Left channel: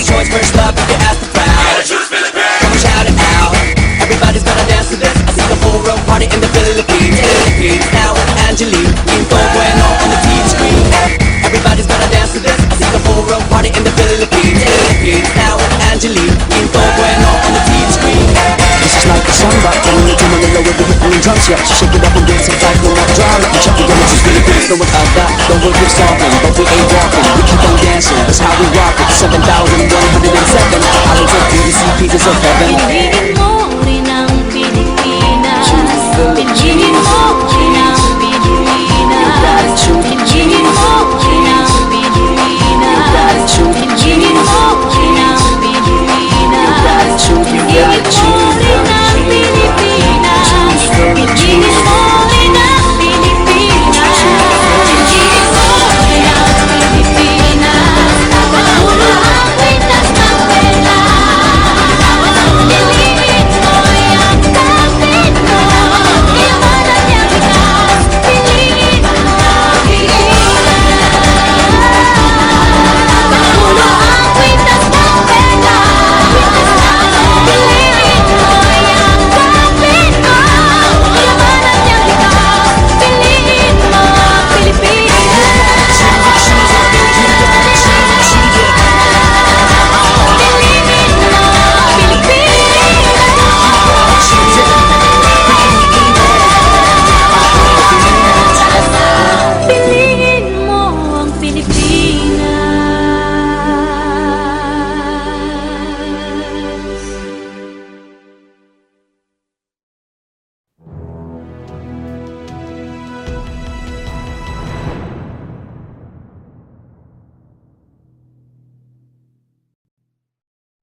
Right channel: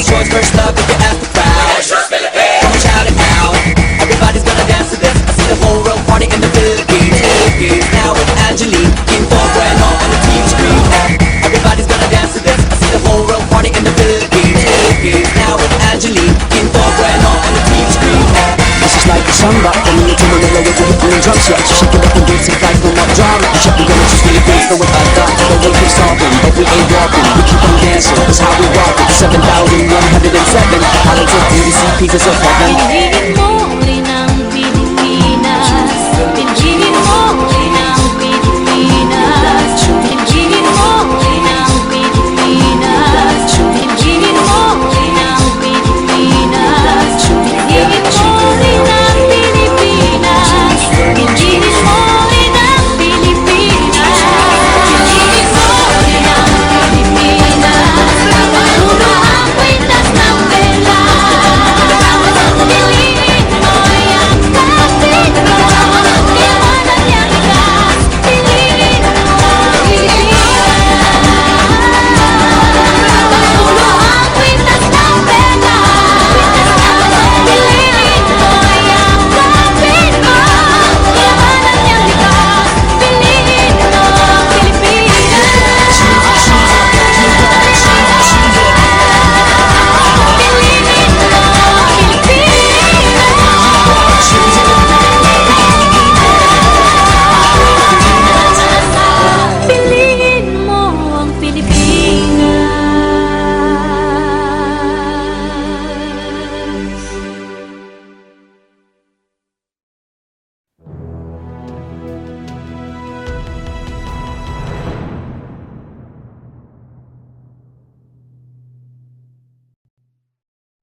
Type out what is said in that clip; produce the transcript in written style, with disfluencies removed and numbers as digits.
Everybody's choice, first love, if you ask the crowd. Come on, shout it out. Everybody's gonna dance to this. I see the whole world party in the Philippines. Now with Angelique, Quinto Bueno on the TV screen. Everybody's gonna dance to this. I see the whole world party in the Philippines. Now with Angelique, Quinto Bueno on the TV screen. This is like a samba, coming into Manila with the hitting and drums. Yeah, shake it up and dance it like no more drama. You check the village, Philippines, no one that. The world keeps talking, but we ain't walking. We keep on dancing, that's how we rock it. 7,107 islands of beauty, pieces of heaven. Piliin mo rin ang Pilipinas. Piliin mo rin